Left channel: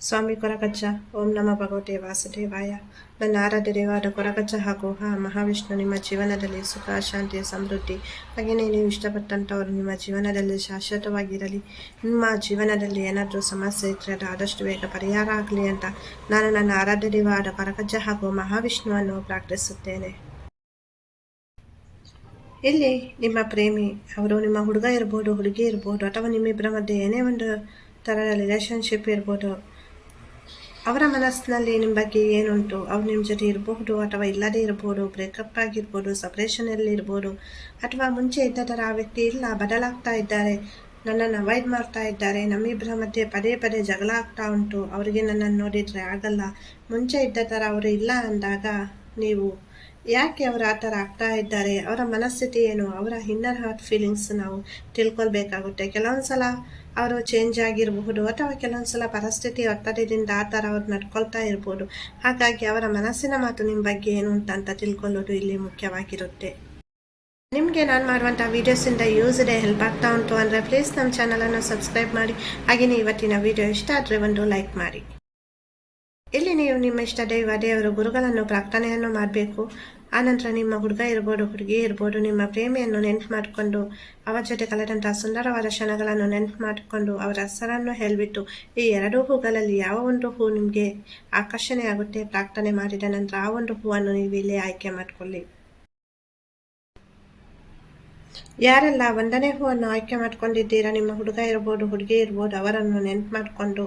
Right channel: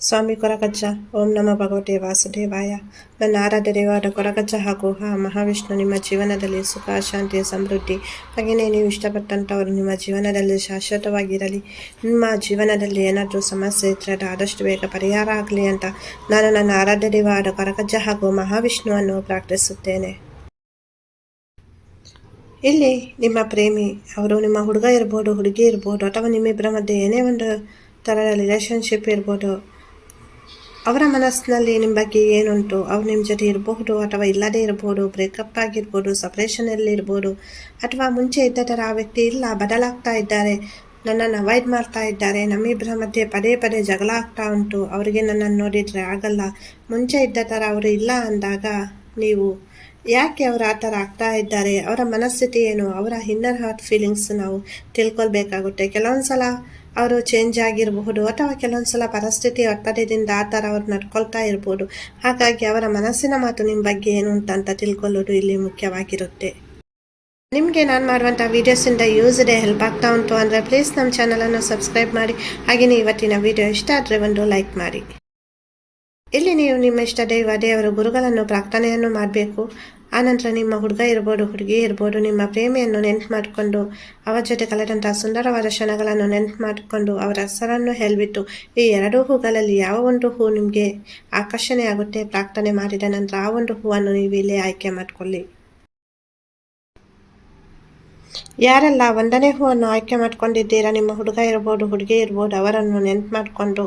ಸ್ವಾಮಿ ಕೊರಗಜ್ಜ. ಓಂ ನಮ ಭಗವತೆ ವಾಸುದೇವಾಯ. ನನ್ನ ಆರಾಧ್ಯ ದೇವಾದ ಕೊರಗಜ್ಜ ಹಾಗೂ ಹಾ ಮಹಾವಿಷ್ಣು ನಿಮ್ಮ ಜೀವನದಲ್ಲಿ ಸುಖ ಶಾಂತಿಯ ಸಮೃದ್ಧಿ. ಹಾಗೆಯೇ ನೀವು ಇಷ್ಟಪಟ್ಟಂಥವರು ನಿಮ್ಮ ಜೀವನದಲ್ಲಿ ಶಾಶ್ವತವಾಗಿರಲಿ. ನಿಮ್ಮ ಜೀವನದಲ್ಲಿ ಏನಾದರೂ ಸಮಸ್ಯೆ ಇದ್ದರೆ ಆದಷ್ಟು ಬೇಗ ಪರಿಹಾರ ಆಗಲಿ ಅಂತ ನಾನು ನನ್ನ ಆರಾಧ್ಯ ದೇವಾದ ಕೊರಗಜ್ಜ ಹಾಗೂ ಮಹಾವಿಷ್ಣುವನ್ನು ಪ್ರಾರ್ಥಿಸುತ್ತೇನೆ. ಇಲ್ಲಿ ನಿಮ್ಮ ಪ್ರೇಮಿ, ಅವರು ನಿಮ್ಮ ಹುಡುಗ ಇರ್ಬೋದು, ಹುಡುಗಿ ಇರ್ಬೋದು, ಅಥವಾ ನಿಮ್ಮಿಬ್ಬರ ಮಧ್ಯೆ ಏನೇ ಒಂದು ಥರದ ರಿಲೇಷನ್ಶಿಪ್ ಇರ್ಬೋದು ಅವರ ಮನಸ್ಸಿನಲ್ಲಿ ನಿಮ್ಮ ಬಗ್ಗೆ ಏನುಂಟು? ಅವ್ರು ನಿಮ್ಮ ಜೊತೆ ಇರಬಹುದು ಅಥವಾ ಇಲ್ಲದೇ ಇರಬಹುದು ಬ್ರೇಕಪ್ ಆಗಿರ್ಬೋದು ಸಪ್ರೇಷನಲ್ಲಿ ಇರ್ಬೋದು, ಅಥವಾ ಮುಂಚೆ ಇದ್ದ ಥರ ಆ ವ್ಯಕ್ತಿ ಇಲ್ಲ, ಬದಲಾಗ್ತಾ ಇದ್ದಾರೆ, ನನ್ನನ್ನು ಅವಾಯ್ಡ್ ಮಾಡ್ತಾ ಇದ್ದಾರೆ, ನಮ್ಮಿಬ್ಬರ ಮಧ್ಯೆ ಪದೇ ಪದೇ ಜಗಳ ಆಗ್ತಾ ಉಂಟು, ಅವರಿಗೆ ನನ್ನನ್ನು ನೋಡಿದರೆ ಆಗಲ್ಲ, ಮುಂಚೆ ಇದ್ದ ಥರ ಅವರು ಇಲ್ಲ ಅಂದಾಗ ನೀವು ಯಾಕೆ ಅವರು ಆ ಥರ ಆಗ್ತಾ ಇದ್ದಾರೆ? ಅವರ ಮನಸ್ಥಿತಿ ಏನು? ಅವರ ಇನ್ನರ್ ಹಾರ್ಟ್ ಫೀಲಿಂಗ್ಸ್ ನಾವು ತಿಳ್ಕೊಳ್ಬೇಕಾಗುತ್ತೆ. ಕೆಲವೊಂದು ಸಲ ಅವರು ಚೇಂಜ್ ಆಗಿರಬಹುದು ಅಥವಾ ಕೆಲವೊಂದು ಸಲ ಪರಿಸ್ಥಿತಿ ಒತ್ತಡದಿಂದ ಆ ಥರ ಅವ್ರು ನಡ್ಕೊಳ್ತಾ ಇರ್ಬೋದು. ಹಾಗಾಗಿ ಅವರ ಮನಸ್ಸಿನ ಮಾತು ನಿಮ್ಮ ಬಗ್ಗೆ ಏನು ಅಂತ ಅಂತ ತಿಳ್ಕೊಳ್ಳೋದು ಇಲ್ಲಿ ಮುಖ್ಯವಾಗಿರುತ್ತೆ. ನಿಮಗೆ ನಾನು ಮಾಡುವಂಥ ವೀಡಿಯೋಸಿಂದ ಯೂಸ್ ಇದೆ ಹೆಲ್ಪ್ ಆಗ್ತಾ ಉಂಟು ಅಂದರೆ ಪ್ಲೀಸ್ ನಮ್ಮ ಚಾನಲನ್ನು ಸಬ್ಸ್ಕ್ರೈಬ್ ಮಾಡಿ. ಹಾಗೆಯೇ ಇವತ್ತಿನ ವಿಡಿಯೋ ಇಷ್ಟ ಆದರೆ ಒಂದು ಲೈಕ್ ಮಾಡಿ. ಇಲ್ಲಿ ನೀವು ನಿಮ್ಮ ಇಷ್ಟ ದೈವ, ದೇವರು ಗುರುಗಳನ್ನು, ಪ್ರಾರ್ಥನೆಯನ್ನು ಮಾಡಬೇಕು. ಆನಂತರ ನಿಮ್ಮ ಹುಡುಗ ಇರ್ಬೋದು, ಹುಡುಗಿ ಇರ್ಬೋದು, ನಿಮ್ಮ ಪ್ರೇಮಿಯನ್ನು ನೆನ್ಪು ಮಾಡಿಕೊಂಡು, ಅವರ ಜೊತೆ ಕಳೆದಂಥ ಸುಂದರವಾದ ಕ್ಷಣಗಳನ್ನು ನೆನ್ಪು ಮಾಡಿಕೊಂಡು ಅವರ ಹೆಸರನ್ನು ಹೇಳಿಬಿಟ್ಟು, ಈ ಎರಡೂ ಹೂಗಳಲ್ಲಿ ಯಾವ ಒಂದು ಹೂ ನಿಮಗೆ ಆಕರ್ಷಣೆ ಆಗುತ್ತೆ? ಪ್ರಾರ್ಥನೆ ಮಾಡಿದ ನಂತರ ಆ ಒಂದು ಹೂವನ್ನು ನೀವು ಇಲ್ಲಿ ಆಯ್ಕೆ ಮಾಡಿಕೊಳ್ಳಿ. ಯಾರೆಲ್ಲ ಒಂದನೇ ಹೂವನ್ನು ಆಯ್ಕೆ ಮಾಡ್ಕೊಂಡಿದ್ದೀರಾ, ನಿಮ್ಮ ಹುಡುಗ ಇರ್ಬೋದು, ಹುಡುಗಿ ಇರ್ಬೋದು, ಅವರನ್ನು ನೆನ್ಪು ಮಾಡಿಕೊಂಡು.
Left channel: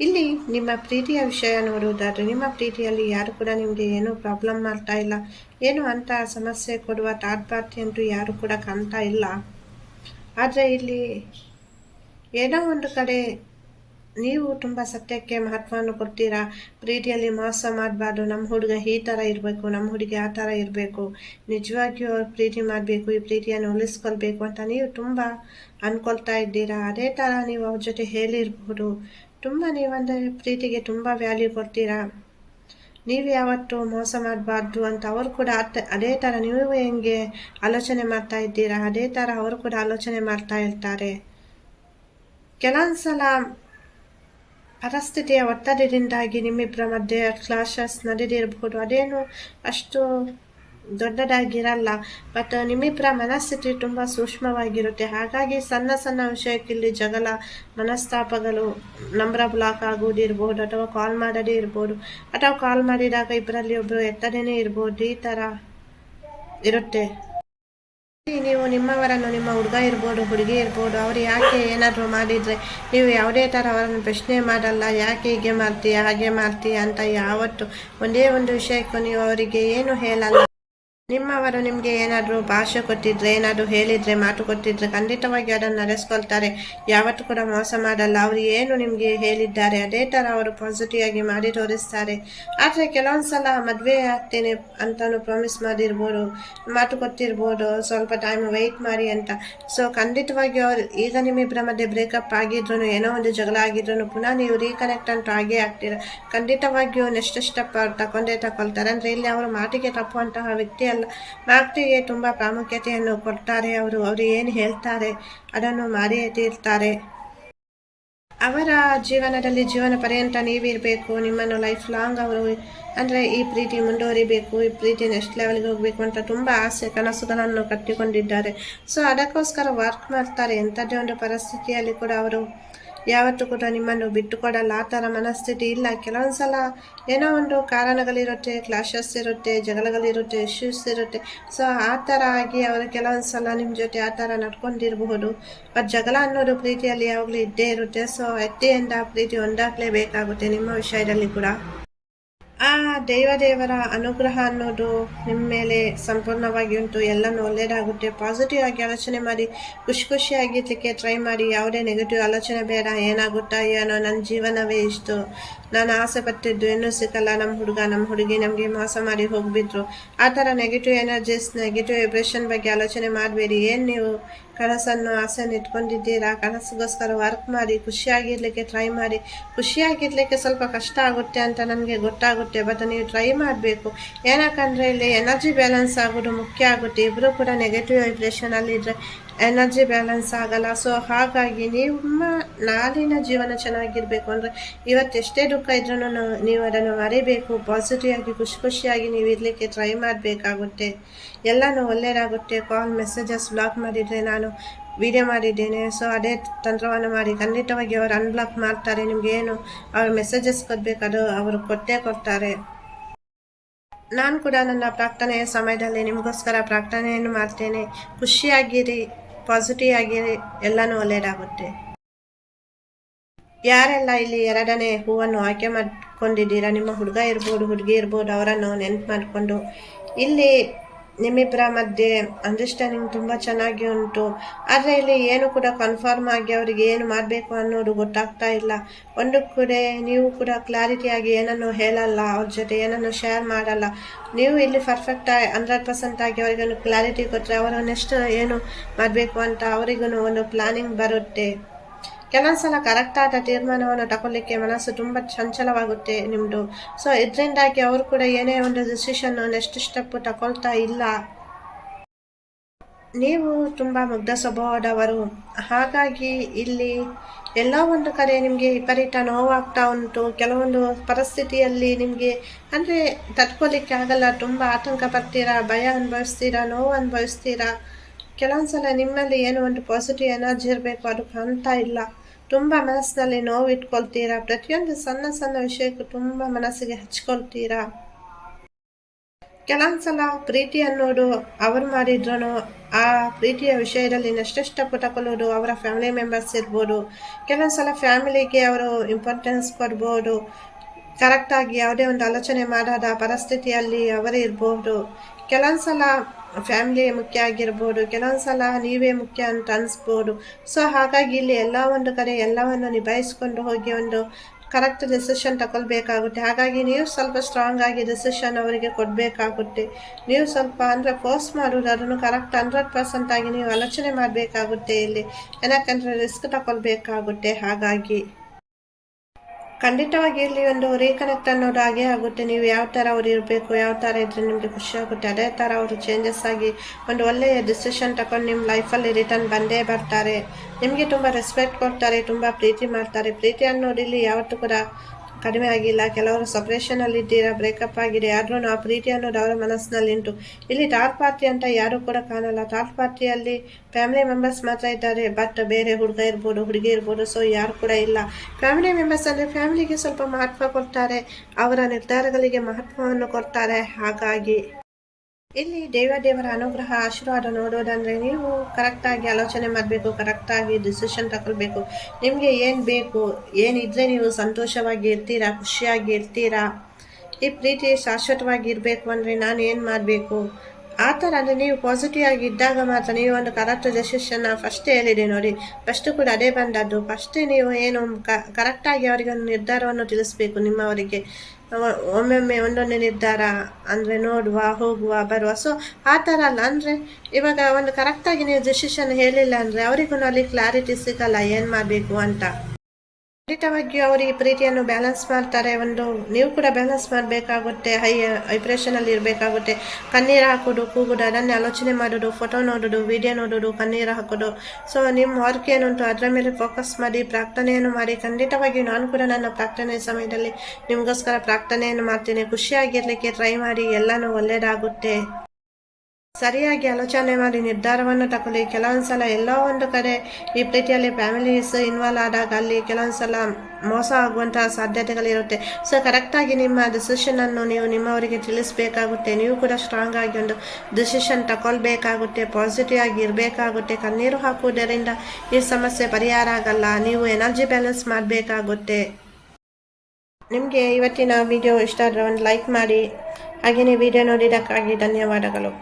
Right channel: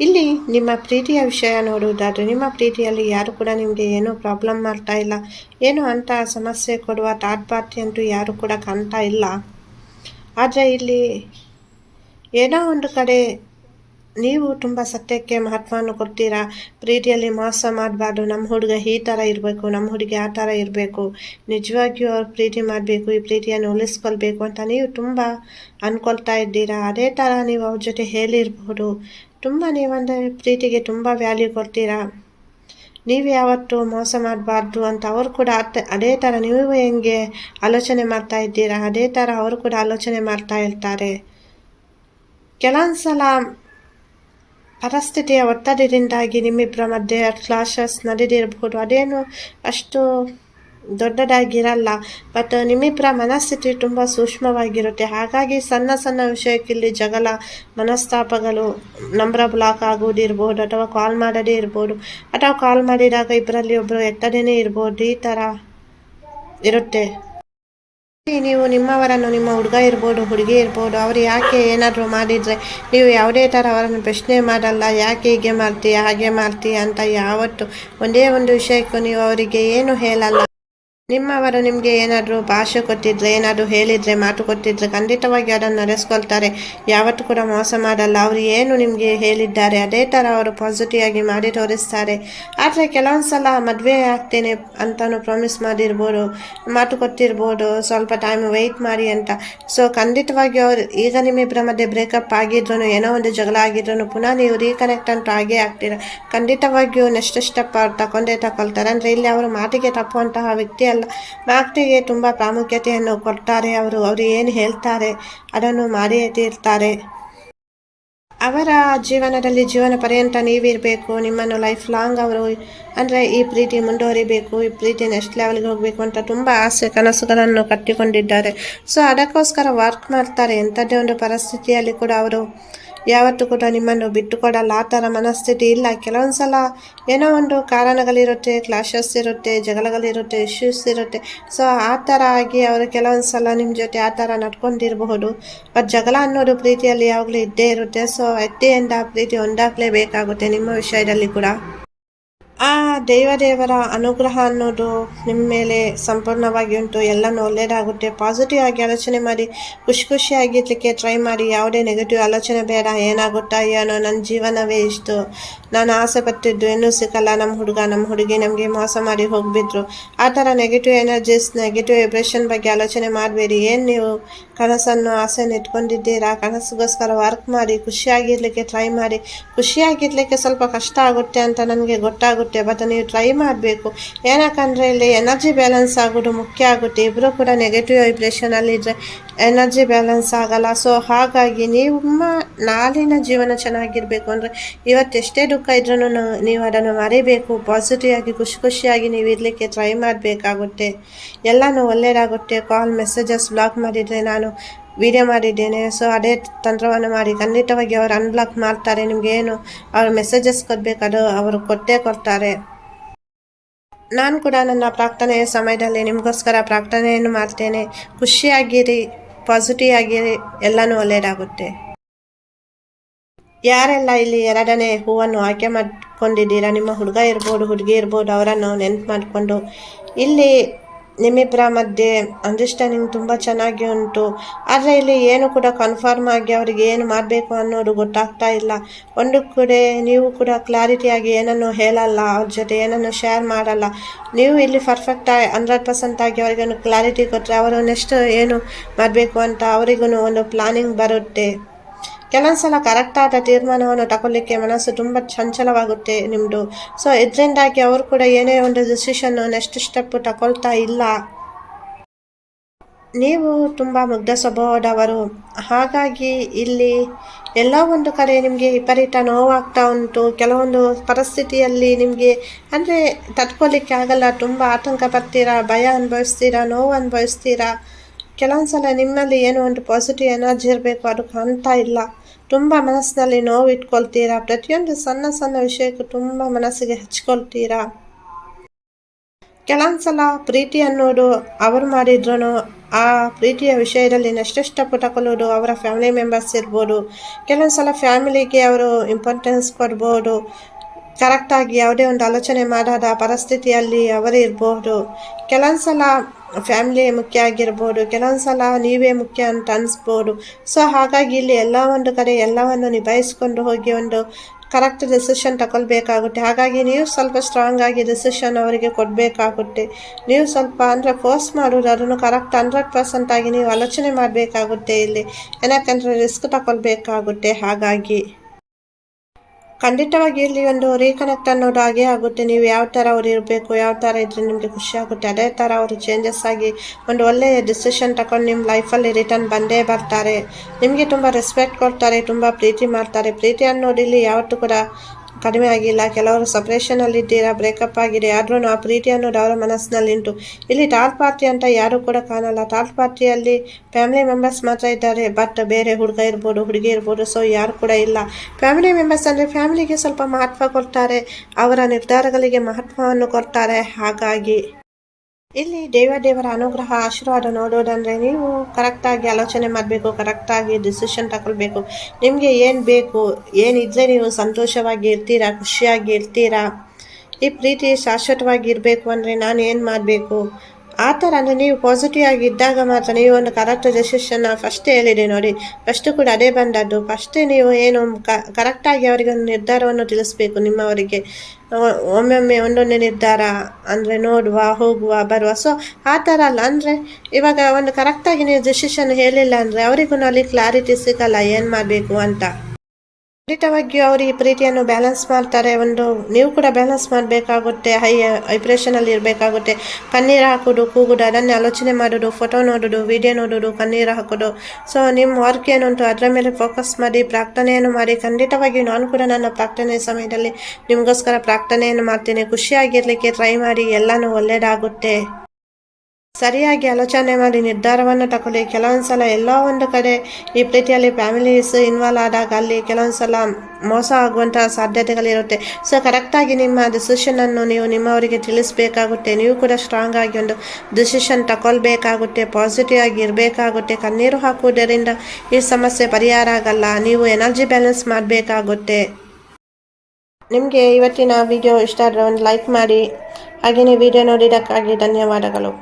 ಇಲ್ಲಿ ನಿಮ್ಮ ಪ್ರೀತಿಯ ವಿಷಯ ನೋಡುವುದಾದರೆ, ನಿಮ್ಮ ಪ್ರೀತಿಯಲ್ಲಿ ಯಾರು ಕೂಡ ನಿಮಗೆ ಏನೂ ಪ್ರಾಬ್ಲಮ್ ಮಾಡ್ತಾ ಇಲ್ಲ. ಏನು ಅಂತ ಸಮಸ್ಯೆ ಕೊಡುವ ಥರ್ಡ್ ಪಾರ್ಟಿ ಅಂತೂ ಯಾರು ಕೂಡ ಕಾಣ್ತಾ ಇಲ್ಲ. ಆದರೆ ಇಲ್ಲಿ ಏನೋ ಒಂದು ಕಡೆ ನೀವು ತುಂಬ ಸತ್ಯಕ್ಕೆ ಮಹತ್ವವನ್ನು ಕೊಡ್ತೀರಾ? ಪ್ರೀತಿಯಲ್ಲಿ ಮೋಸ ಮಾಡಬಾರ್ದು. ನಮ್ಮ ಹುಡುಗ ಈ ಥರ ಇರಬೇಕು ನಮ್ಮ ಹುಡುಗಿ ಆ ಥರ ಇರಬೇಕು. ನಿಜವಾಗಿಯೂ ಅವ್ರು ಪ್ರೀತಿ ಮಾಡಬೇಕು, ಈ ಪ್ರೀತಿಯನ್ನು ಉಳಿಸ್ಕೊಳ್ಬೇಕು ಅಂತ ನೀವು ತುಂಬ ಅಂದ್ಕೊಳ್ತಾ ಇದ್ದೀರಾ? ಅದೇ ಥರ ನೀವು ಅವ್ರ ಜೊತೆ ಹೇಳಿರಬಹುದು ತುಂಬ ನೀವಂದರೆ ಪ್ರೀತಿಗೆ ತುಂಬ ವ್ಯಾಲ್ಯೂ ಕೊಡ್ತೀರಾ? ನೀವು ಯಾವತ್ತು ಮೋಸ ಮಾಡಬಾರ್ದು ಅಂತ ಅವರು ಕೂಡ ಅದೇ ಥರ ನೀವು ಹೆಂಗೆ ಆಲೋಚನೆ ಮಾಡ್ತಾ ಇದ್ದೀರಾ? ಅದೇ ಥರ ಅವರು ಕೂಡ ಆಲೋಚನೆ ಮಾಡ್ತಾ ಇರ್ತಾರೆ. ಕೆಲವೊಂದು ಸಲ ಪರಿಸ್ಥಿತಿಯ ಒತ್ತಡದಿಂದಾಗಿ ನಿಮ್ಮಿಬ್ಬರ ಮಧ್ಯೆ ಕ್ಲಾಶಸ್ ನಡೆದಿರಬಹುದು ಅದೇನು ಅಷ್ಟು ದೊಡ್ಡದಾಗಿರಲ್ಲ ಬಟ್ ನಿಮ್ಮಿಬ್ಬರ ಮನಸ್ಥಿತಿ ತುಂಬ ಸೂಕ್ಷ್ಮವಾಗಿರುತ್ತೆ ಹಾಗಾಗಿ ಸಣ್ಣ ಸಣ್ಣ ವಿಷಯಕ್ಕಿಲ್ಲಿ ಜಗಳ ಮನಸ್ತಾಪಗಳು ನಂಬರ ಬ್ಲಾಕ್ ಆಗುವುದಿರ್ಬೋದು ಅಥವಾ ಕಾಲ್ ಮಾಡದೇ ಇರ್ಬೋದು ಅಥವಾ ಕಾಲ್ ಮಾಡಿದಾಗ ಇಬ್ಬರಲ್ಲಿ ಒಬ್ಬರು ಎತ್ತದೇ ಇರ್ಬೋದು ಈ ಥರ ಇರುತ್ತೆ ನೀವು ನಿಮ್ಮವರನ್ನು ನಿಮ್ಮ ಹುಡುಗ ಇರ್ಬೋದು, ಹುಡುಗಿ ಇರ್ಬೋದು, ಅವರು ಯಾಕೆ ಏನಾದರೂ ಮಾಡಿದರೆ ನೀವು ಯಾವುದೇ ಥರ ಅವರನ್ನು ಪ್ರಶ್ನೆ ಮಾಡಲ್ಲ, ಯಾಕೆ ಹೀಗೆ ಮಾಡ್ತೀಯ, ಹಾಗೆ ಮಾಡ್ತೀಯ ಅಂತ ಯಾವತ್ತು ಒಂದೇ ಒಂದು ವಿಷಯಕ್ಕೂ ನೀವು ಅವರಿಗೆ ಏನು ಹೇಳಲ್ಲ. ನಿಮ್ಮವರು ನಿಮಗೆ ಏನಾದರೂ ಭಾಷೆ ಕೊಟ್ಟಿದ್ರೆ, ಏನಾದರೂ ಹೇಳಿದರೆ, ಮಾತು ಕೊಟ್ಟಿದ್ರೆ ಖಂಡಿತವಾಗಿ ಅದನ್ನು ನಡೆಸ್ಕೊಳ್ತಾರೆ. ಯಾವತ್ತೂ ಕೂಡ ಮೋಸ ಮಾಡಲ್ಲ. ಅವರು ಏನು ನಿಮಗೆ ಹೇಳಿದ್ದಾರೆ, ಅದೇ ಥರ ಅವರು ಪಾಸಿಟಿವ್ ಆಗಿ ಮಾಡಿ ತೋರಿಸ್ತಾರೆ. ಆದರೆ ಕೆಲವೊಂದು ಸಲ ಮದುವೆ ಆಗ್ತೇನೆ ಅಂತಲೂ ಪ್ರಾಮಿಸ್ ಮಾಡಿರ್ಬೋದು, ಮಾತು ಕೊಟ್ಟಿರ್ಬೋದು, ಸ್ವಲ್ಪ ಟೈಮ್ ವೆಯ್ಟ್ ಮಾಡಿ ಅಂತ. ಸೊ ಖಂಡಿತವಾಗಿ ಅವರು ಈಗ ನಿಮ್ಮಿಬ್ಬರ ಮಧ್ಯೆ ಬ್ರೇಕಪ್ ಆಗಿದ್ರು ಏನೋ ಒಂದು ಜಗಳ ಆಗಿದ್ರು ಪುನಃ ನೀವು ರೀಕನೆಕ್ಟ್ ಅಂತ ಆಗೇ ಆಗ್ತೀರ. ಖಂಡಿತವಾಗಿಯೂ ನೆಕ್ಸ್ಟ್ ಸ್ಟೆಪ್ ಅವ್ರು ತಗೊಂಡೇ ತಗೊಳ್ತಾರೆ ಅಂದರೆ ಇಲ್ಲಿ ಅವರು ಮಾತಿಗೆ ತಪ್ಪುವಂತಹ ವ್ಯಕ್ತಿ ಅಲ್ಲ. ಮಾತಿಗೆ ತುಂಬ ಪ್ರಾಮುಖ್ಯತೆಯನ್ನು ಕೊಡ್ತಾರೆ. ಅವರು ಅವರು ಏನು ಹೇಳ್ತಾರೆ ಅದನ್ನು ಮಾಡಿಯೇ ತೀರ್ತಾರೆ. ಅವರ ಜೀವನದಲ್ಲಿ ಜೀವನ ಪರ್ಯಂತ ನೀವಿರಬೇಕು. ನಿಮ್ಮನ್ನು ಲೈಫ್ ಲಾಂಗ್ ಅವರು, ಅಂದರೆ ಈ ಪ್ರೀತಿ ಮುಂದುವರಿಬೇಕು. ಈ ಪ್ರೀತಿ ನೆಕ್ಸ್ಟ್ ಲೆವೆಲ್ಗೆ ಹೋಗಬೇಕು ಅಂತ ತುಂಬ ಆಸೆ, ಕನಸುಗಳನ್ನು ಕಟ್ಟಿಕೊಂಡಿದ್ದಾರೆ. ಸೊ ಅದಕ್ಕೋಸ್ಕರ ವರ್ಕ್ ಮಾಡ್ತಾರೆ. ಎಂಥದ್ದೇ ಒಂದು ಪರಿಸ್ಥಿತಿಯಲ್ಲಿ ಕೂಡ ಅವರು ಯಾವತ್ತೂ ಕೂಡ ನಿಮ್ಮನ್ನು ಬಿಟ್ಟುಕೊಡಲ್ಲ. ಆ ಥರ ಮನಸ್ಥಿತಿ ಇಲ್ಲ. ಕೆಲವೊಂದು ಸಲ ಏನೋ ಒಂದು ಕಾರಣಗಳಿರುತ್ತೆ ಕ್ಲಾಶಸ್ ಇರುತ್ತೆ, ಜಗಳಗಳಿರುತ್ತೆ ಇಶ್ಯೂಸ್ ಇರುತ್ತೆ. ಸೊ ಆ ಥರ ಆಗಿ ಅವರು ಕೆಲವೊಂದು ಸಲ ನಿಮ್ಮ ಜೊತೆ ಆ ಥರ ನಡ್ಕೊಂಡಿರಬಹುದು. ಬಟ್ ಜಗಳ ಅನ್ನೋದು ಪ್ರೀತಿಯಲ್ಲಿ ಯಾವಾಗಲೂ ಇದ್ದೇ ಇರುತ್ತೆ. ಸೊ ಎತ್ತೆಯಿಂದ ಪ್ರೀತಿ ಒಂದಾಗಲೇಬೇಕಾಗುತ್ತೆ ನಿಮ್ಮ ವಿಷಯದಲ್ಲಿ ಕೂಡ. ಆ ದೇವದೇವರ ಅನುಗ್ರಹ ಅನ್ನೋದು ನಿಮ್ಮ ಮೇಲೆ ಸಂಪೂರ್ಣವಾಗಿ ಉಂಟು. ಎಲ್ಲನೂ ಒಳ್ಳೆಯದಾಗುತ್ತೆ ಪಾಸಿಟಿವ್ ಆಗಿ ಆಲೋಚನೆ ಮಾಡಿ, ಖುಷಿ ಖುಷಿಯಾಗಿರ್ಲಿಕ್ಕೆ ಟ್ರೈ ಮಾಡಿ. ಯಾವುದೇ ನೆಗೆಟಿವ್ ಆಲೋಚನೆ ಬೇಡ. ಏನಾಗುತ್ತಾ ಏನೋ ನನ್ನ ಜೀವನವೇ ಇಷ್ಟು. ನಾನು ಆಸೆ ಪಟ್ಟಿದ್ದು ಇನ್ನೂ ಸಿಕ್ಕಲ್ಲ. ನಮ್ಮ ಹುಡುಗ, ನಮ್ಮ ಹುಡುಗಿ ನಮಗೆ ಮೋಸ ಮಾಡಿ ಹೋಗಿಬಿಟ್ರು. ಆ ಥರ ನೆಗೆಟಿವ್ ಎನರ್ಜೀಸ್ ನೆಗೆಟಿವ್ ವೈಬ್ರೇಷನ್ ಬಗ್ಗೆ ಆಲೋಚನೆ ಮಾಡಬೇಡಿ. ಏನು ನೀವು ಕನಸನ್ನು, ಆಸೆಯನ್ನು ಇಟ್ಕೊಂಡಿದ್ದೀರಾ? ಕನಸಿಗೋಸ್ಕರ ವರ್ಕ್ ಮಾಡಿ ಖುಷಿಯಾಗಿರ್ಲಿಕ್ಕೆ ಟ್ರೈ ಮಾಡಿ. ಖುಷಿಯಾಗಿರ್ಲಿಕ್ಕೆ ಸ್ವಲ್ಪ ಕಷ್ಟ ಆಗುತ್ತೆ ಅಂತ ನನಗೆ ಗೊತ್ತಾಗುತ್ತೆ ಆಗುತ್ತೆ ಬಟ್ ನೀವು ಟ್ರೈ ಮಾಡಬೇಕು. ಏನಕ್ಕಂದರೆ ಇಲ್ಲಿ ಎನರ್ಜಿ ಬ್ಯಾಲೆನ್ಸ್ ಆಗೋದು ಮುಖ್ಯ ಆಗುತ್ತೆ. ಇಬ್ಬರು ಕೂಡ ನೆಗೆಟಿವ್ ವೈಬ್ರೇಷನಲ್ಲಿದ್ದರೆ ಎನರ್ಜಿ ಬ್ಯಾಲೆನ್ಸ್ ಆಗಲ್ಲ. ಸೊ ಹಾಗಾಗಿ ನಿಮ್ಮ ನಾಳಿನ ಜೀವನ ಚೆನ್ನಾಗಿರಬೇಕು ಅಂದರೆ ಇವತ್ತೆಷ್ಟೇ ದುಃಖ ಇದ್ರೂ ನೀವು ಅದನ್ನು ಮರಿಬೇಕು. ಪಾಸಿಟಿವ್ ಆಗಿ, ಖುಷಿ ಖುಷಿಯಾಗಿ ನೀವು ಇರಲಿಕ್ಕೆ ಟ್ರೈ ಮಾಡಬೇಕಾಗುತ್ತೆ. ಎಲ್ಲನೂ ಒಳ್ಳೆಯದಾಗುತ್ತೆ ಕಾಲ್ ಮೆಸೇಜಸ್ ಬ್ಲಾಕ್ ಮಾಡಿದರೆ ನಾನು ವಿಡಿಯೋ ಮಾಡಿದ್ದೇನೆ. ಸೊ ಅದೇ ತಂತ್ರವನ್ನು ಮಾಡಿ, ಖಂಡಿತವಾಗಿ ಅವರು ಅನ್ಬ್ಲಾಕ್ ಮಾಡ್ತಾರೆ. ನಿಮಗೇನು ಅವ್ರ ಮೆಸೇಜಸ್ ಕೊಡಬೇಕು ಅದು ಅವರು ಕೊಟ್ಟೇ ಕೊಡ್ತಾರೆ. ನಾನು ಕೂಡ ನನ್ನ ಪ್ರಾರ್ಥನೆಯ ಸಮಯದಲ್ಲಿ ನಿಮಗೋಸ್ಕರ ಪ್ರಾರ್ಥನೆಯನ್ನು ಮಾಡ್ತೇನೆ. ಖುಷಿಯಾಗಿರಿ ಪಾಸಿಟಿವ್ ಆಗಿರಿ, ಎಲ್ಲನೂ ಒಳ್ಳೆಯದಾಗುತ್ತೆ. ಯಾರೆಲ್ಲ ಇಲ್ಲಿ ಎರಡನೇ ಹೂವನ್ನು ಆಯ್ಕೆ ಮಾಡ್ಕೊಂಡಿದ್ದೀರಾ? ನಿಮ್ಮ ಹುಡುಗ ಇರ್ಬೋದು, ಹುಡುಗಿ ಇರ್ಬೋದು, ಅವರನ್ನು ನೆನ್ಪು ಮಾಡಿಕೊಂಡು. ಇಲ್ಲಿ ನಿಮ್ಮಿಬ್ಬರ ಮಧ್ಯೆ ಅಂಡರ್ಸ್ಟ್ಯಾಂಡಿಂಗ್ ತುಂಬ ಚೆನ್ನಾಗಿ ಉಂಟು. ಆದರೆ ಇಲ್ಲಿ ಏನು ಕೂಡ ಕನ್ಫರ್ಮ್ ಆಗಿ ಅವ್ರಿಗೆ ಏನು ಮಾಡಬೇಕು ಅನ್ನೋದು ಗೊತ್ತಾಗ್ತಾ ಇಲ್ಲ. ಒಂದು ಕಡೆ ನೀವು ಕೂಡ ಕ್ಲಾರಿಟಿಯಾಗಿ ಏನನ್ನು ಹೇಳಲ್ಲ, ಅವ್ರ ಜೊತೆ ಏನನ್ನು ಶೇರ್ ಮಾಡಲ್ಲ. ನೀವು ಇಲ್ಲಿ ಪರ್ಫೆಕ್ಟ್ ಆಗಿ ಹಂಡ್ರೆಡ್ ಪರ್ಸೆಂಟ್ ಆಗಿ ಅವರಿಗೊಂದು ಕ್ಲಾರಿಟಿ ಕೊಟ್ಟರೆ ಅವರು ನೆಕ್ಸ್ಟ್ ಏನು ಮಾಡಬೇಕು ಅಂತ ಅವರಿಗೂ ಒಂದು ಪ್ಲಾನಿಂಗ್ ಬರುತ್ತೆ. ಕೆಲವೊಂದ್ಸಲ ಕರೆಕ್ಟಾದ ತೀರ್ಮಾನವನ್ನು ತಗೊಳ್ಳಿಕ್ಕೆ ಮನಸ್ಸು ತುಂಬ ಚಂಚಲವಾಗುತ್ತೆ ನಿಮ್ಮದು ಸೊ ಇದರಿಂದಾಗಿ ಅವರು ಕೂಡ ಏನೇ ಒಂದು ಡಿಸಿಷನ್ನು ನೆಕ್ಸ್ಟ್ ಸ್ಟೆಪ್ ತಗೊಳ್ತಾ ಇಲ್ಲ. ನೀವು ತುಂಬ ಮುಗ್ಧ ಸ್ವಭಾವದವರು. ಹಾಗಾಗಿ ಇಲ್ಲಿ ಎಲ್ಲ ಒಂದು ಕಡೆ ನಿಮಗೆ ವಿಪರೀತ ನೋವಾಗ್ತಾ ಉಂಟು. ಕೆಲವೊಂದು ಪರಿಸ್ಥಿತಿಯಲ್ಲಿ ನಿಮಗೆ ಅಂದರೆ ತಡ್ಕೊಲಿಕ್ಕೆ ಆಗಲ್ಲ. ತುಂಬ ಆತಂಕ ಪಡ್ತೀರಾ? ಭಯ ಅನುಭವಿಸ್ತೀರಾ? ನೋವು ಅನುಭವಿಸ್ತೀರಾ? ಕೆಲವೊಂದು ಸಲ ನಿಮ್ಮಲ್ಲಿ ಏನೋ ಒಂದು ಪಾಸಿಟಿವ್ ಎನರ್ಜಿ ಇರಬೇಕು, ಅದು ಕಾಣ್ತಾ ಇಲ್ಲ. ತುಂಬ ಮನಸ್ಸಿನಲ್ಲಿ ನೋವು ಇಟ್ಕೊಳ್ತೀರಾ? ಪ್ರತಿಯೊಂದು ಸಣ್ಣ ಸಣ್ಣ ವಿಷಯಕ್ಕೂ ತುಂಬ ಮನಸ್ಸಿಗೆ ಹಚ್ಕೊಳ್ತೀರಾ? ಕೆಲವೊಂದು ಸಲ ಪ್ರೀತಿ ಅನ್ನೋದು ಅವರು ಮಾಡಿದ್ರು ಆ ಪ್ರೀತಿಯ ವಿಷಯದಲ್ಲಿ ನೆಷ್ಟೆಷ್ಟು ತಗೊಳ್ಳೋದು ಅವರ ಫ್ಯಾಮಿಲಿ ಮೆಂಬರ್ಸ್ ಇರ್ಬೋದು. ಕೆಲವೊಂದು ಸಲ ಫ್ಯಾಮಿಲಿಗೆ ಅವರು ಇಂಪಾರ್ಟೆನ್ಸ್ ಕೊಡ್ಬೋದು. ಕರೆಕ್ಟಾಗಿ ಯಾವುದೇ ಒಂದು ಆಲೋಚನೆ ಮಾಡದ ಪರಿಸ್ಥಿತಿಯಲ್ಲಿ ಅವರು ಇರಬಹುದು ಕೆಲವೊಂದು ಸಲ ಫ್ಯಾಮಿಲಿ ಮುಖ್ಯ ಆಗಿರ್ಬೋದು, ಕೆಲವೊಂದು ಸಲ ನೀವೇ ಮುಖ್ಯ ಅಂತ ಅನಿಸ್ಬೋದು. ಸೊ ಹಾಗಾಗಿ ಇಲ್ಲಿ ಎಲ್ಲ ಒಂದು ಕಡೆ ಎಲ್ಲವನ್ನು ನಿಭಾಯಿಸ್ಕೊಂಡು ಹೋಗಿ ಒಂದು ಕರೆಕ್ಟ್ ಡಿಸಿಷನ್ ತಗೊಳ್ಬೇಕಾಗುತ್ತೆ ಹಾಗಾಗಿ ನೀವು ಸ್ವಲ್ಪ ಸ್ಟ್ರಾಂಗ್ ಆಗಿ ಡಿಸಿಷನ್ ಅವರಿಗೆ ಕೊಡಬೇಕಾಗುತ್ತೆ. ನೀವು ಸ್ವಲ್ಪ ಅಂದರೆ ಫೋರ್ಸ್ ಮಾಡೋದು ಅದನ್ನು ಕರೆಕ್ಟ್ ಹಂಡ್ರೆಡ್ ಪರ್ಸೆಂಟ್ ಆಗಿ ನೀವು ಆಲೋಚನೆ ಮಾಡಬೇಕಾಗುತ್ತೆ ಇಲ್ಲಿ. ಏನಕ್ಕಂದರೆ ರಿಸ್ಕ್ ತಗೊಳ್ಬೇಕಾಗುತ್ತೆ ಹಾಗಾಗಿ ಖಂಡಿತವಾಗಿ ಇಲ್ಲಿ ಒಂದು ರೀಕನೆಕ್ಟ್ ಅನ್ನೋದು ಹಾಗೆ ಆಗುತ್ತೆ. ನೀವು ಯಾವ ಥರ ಅವ್ರು ಇರಬೇಕು, ಯಾವ ಥರ ಇದ್ರೆ ನಿಮಗೆ ಖುಷಿ ಆಗುತ್ತೆ. ಅದೇ ಥರ ಅವರು ಚೇಂಜಸ್ ಆಗಿ ಒಂದು ಒಳ್ಳೆಯ ಡಿಸಿಷನ್ ತಗೊಂಡು ನಿಮ್ಮ ಲೈಫಲ್ಲಿ ರಿಟರ್ನ್ ಬಂದೇ ಬರ್ತಾರೆ. ನಿಮಗೆ ತುಂಬ ರೆಸ್ಪೆಕ್ಟ್ ಕೊಡ್ತಾರೆ, ತುಂಬ ಪ್ರೀತಿ ಮಾಡ್ತಾರೆ. ಪ್ರೀತಿ ಅನ್ನೋದು ಇಲ್ಲಿ ಯಾವತ್ತೂ ಕೂಡ ಕಡಿಮೆ ಆಗಿಲ್ಲ ಕೆಲವರು ಸಪ್ರೇಷನಲ್ಲಿದ್ದೀರಾ, ಬ್ರೇಕಪ್ ಆಗಿದೆ. ಆದ್ರೂ ಆ ಪ್ರೀತಿ ಅನ್ನೋದು ಅವರ ಮನಸ್ಸಿನಲ್ಲಿ ಉಂಟು ಇಲ್ಲಿ ಟಾಲ್ ಪಾರ್ಟಿ ಅಂತ ಯಾರೂ ಕೂಡ ಕಾಣಲ್ಲ. ಟಾಲ್ ಪಾರ್ಟಿಯಲ್ಲಿ ಫ್ಯಾಮಿಲಿ ಮೆಂಬರ್ಸ್ ಮಾತ್ರ ಇದ್ದಾರೆ. ಬಟ್ ಬೇರೆ ಹುಡುಗ ಇರ್ಬೋದು, ಹುಡುಗಿ ಇರ್ಬೋದು ಸೊ ಯಾರು ಕೂಡ ಇಲ್ಲ. ಫ್ಯಾಮಿಲಿ ಮೆಂಬರ್ಸ್ ಅಂದರೆ ಫ್ಯಾಮಿಲಿಗೆ ಸ್ವಲ್ಪ ಮಹತ್ವ ಕೊಡ್ತಾರೆ. ಅವರ ನಿರ್ಧಾರಗಳಿಗೆ ಮಹತ್ವವನ್ನು ಕೊಡ್ತಾರೆ. ಹಾಗಾಗಿ ಇಲ್ಲಿ ದೇವ ದೇವರ ಅನುಗ್ರಹ, ಆಶೀರ್ವಾದ ನೋಡೋದಂದರೆ ನೀವು ಕರೆಕ್ಟಾಗಿ ಆಲೋಚನೆ ಮಾಡಬೇಕು, ಕರೆಕ್ಟಾಗಿ ಡಿಸಿಷನ್ ತಗೊಳ್ಬೇಕು. ನಿಮಗೆ ಏನು ಬೇಕು, ಏನಿದ್ರೆ ನೀವು ಸಂತೋಷವಾಗಿ ಇರ್ತೀರಾ, ಖುಷಿಯಾಗಿ ಇರ್ತೀರಾ? ಈ ಪ್ರೀತಿ ಶಾಶ್ವತವಾಗಿ ಇರಬೇಕು ಅಂದರೆ ನಾನು ಏನು ಮಾಡಬೇಕು? ಆ ಥರ ಅಂದರೆ ನೀವು ಪಾಸಿಟಿವ್ ಆಗಿ ಇದ್ದಾಗ ಮಾತ್ರ ನೀವು ಒಂದು ಕರೆಕ್ಟ್ ಡೆಸಿಷನ್ನ ಫಸ್ಟ್ ಹೇಳಿದೆ ನೋಡಿ. ಫಸ್ಟು ಕೂಡ ಅದೇ ಬಂದದ್ದು. ಫಸ್ಟೇ ನೀವು ಏನು ಕರೆಕ್ಟಾಗಿ ಅವರಿಗೆ ಒಂದು ನಿರ್ಧಾರವನ್ನು ತಿಳಿಸ್ಬೇಕು ನಿಮ್ಮವರಿಗೆ. ಒಮ್ಮೊಮ್ಮೆ ಒಂದೊಂದೇ ನಿರ್ಧಾರ ಅಂದರೆ ನೋಡುವ, ಹೋಗುವ, ಬರುವ. ಸೊ ಆ ಥರ ಅಲ್ಲ. ಅಂದರೆ ಇವಾಗ ಒಂದು ಕರೆಕ್ಟಾಗಿ ನೀವು ಡಿಸಿಷನ್ ಹೇಳಿಲ್ಲ ಅಂದರೆ ಅವರಿಗೂ ಅಲ್ಲಿ ಕ್ಲಾರಿಟಿ ಸಿಗಲ್ಲ. ಏನು ಮಾಡಬೇಕು ಅಂತ. ಖಂಡಿತವಾಗಿಯೂ ಅವರು ಈ ಪ್ರೀತಿಯನ್ನು ಬ್ಯಾಲೆನ್ಸ್ ಮಾಡ್ತಾರೆ. ಒಂದು, ನೀವು ಕೂಡ ಬ್ಯಾಲೆನ್ಸ್ ಮಾಡಬೇಕಾಗುತ್ತೆ ಹೈ ವೈಬ್ರೇಷನಲ್ಲಿ ಇರಬೇಕಾಗುತ್ತೆ. ಕಣ್ಣೀರು ಹಾಕೋದು, ಕೂಗುದು, ಅದನ್ನೇ ಆಲೋಚನೆ ಮಾಡೋದು ಫೋಟೋ ನೋಡೋದು ವಿಡಿಯೋ ನೋಡೋದು, ಕಣ್ಣೀರು ಹಾಕೋದು. ಸೊ ನಿಮ್ಮ ವರ್ಕ್ ಏನುಂಟು ಅದರ ಮೇಲೆ ಫೋಕಸ್ ಮಾಡಿ, ಪ್ರಾರ್ಥನೆಯನ್ನು ಮಾಡಿ ಖಂಡಿತವಾಗಿ ನಾನು ಕೂಡ ನನ್ನ ಪ್ರಾರ್ಥನೆ ಸಮಯದಲ್ಲಿ ನಿಮಗೋಸ್ಕರ ಪ್ರಾರ್ಥನೆಯನ್ನು ಮಾಡ್ತೀನಿ. ಖುಷಿಯಾಗಿರಲಿಕ್ಕೆ ಟ್ರೈ ಮಾಡಿ, ಎಲ್ಲನೂ ಒಳ್ಳೆಯದಾಗುತ್ತೆ ಸರಿಯಾಗಿ ಆಲೋಚನೆ ಮಾಡಿ ನಿರ್ಧಾರವನ್ನು ತಗೊಳ್ಳಿ ಕೆಲವೊಂದು ಸಲ ಎಲ್ಲೋ ಒಂದು ಕಡೆ ಈ ಪ್ರೀತಿಯಲ್ಲಿ ಫ್ಯಾಮಿಲೀಸ್ ಇನ್ವಾಲ್ವ್ ಆದಾಗ ಅಲ್ಲಿ ಕೆಲವೊಂದು ಸಲ ಮೋಸ ಆಗುವಂತಹ ಸಾಧ್ಯತೆಗಳಿರುತ್ತೆ. ಸೊ ಕರೆಕ್ಟಾಗಿ ನಿಮ್ಮ ಡಿಸಿಷನನ್ನು ನೀವು ನಿಮ್ಮವರಿಗೆ ತಿಳಿಸಬೇಕಾಗುತ್ತೆ. ನೀವು ಕೂಡ ಸ್ಟ್ರಾಂಗ್ ಆಗಿ ಒಂದು ಡಿಸಿಷನ್ ತಗೊಳ್ಬೇಕಾಗುತ್ತೆ ಪಾಸಿಟಿವ್ ಆಗಿ ಇರಬೇಕಾಗುತ್ತೆ. ಕಣ್ಣೀರು ಹಾಕುವುದರಿಂದ ಈ ಸಮಸ್ಯೆ ಪರಿಹಾರ ಆಗಲ್ಲ. ನೀವು ಎನರ್ಜಿ ಬ್ಯಾಲೆನ್ಸ್ ಮಾಡಬೇಕಾಗುತ್ತೆ. ನಿಮಗೆ ಇವತ್ತಿನ ವಿಡಿಯೋ ಇಷ್ಟ ಆದರೆ ಒಂದು ಲೈಕ್ ಮಾಡಿ. ಹಾಗೆಯೇ ವಿಡಿಯೋ ನೋಡಿದ್ದಕ್ಕಾಗಿ ಧನ್ಯವಾದಗಳು.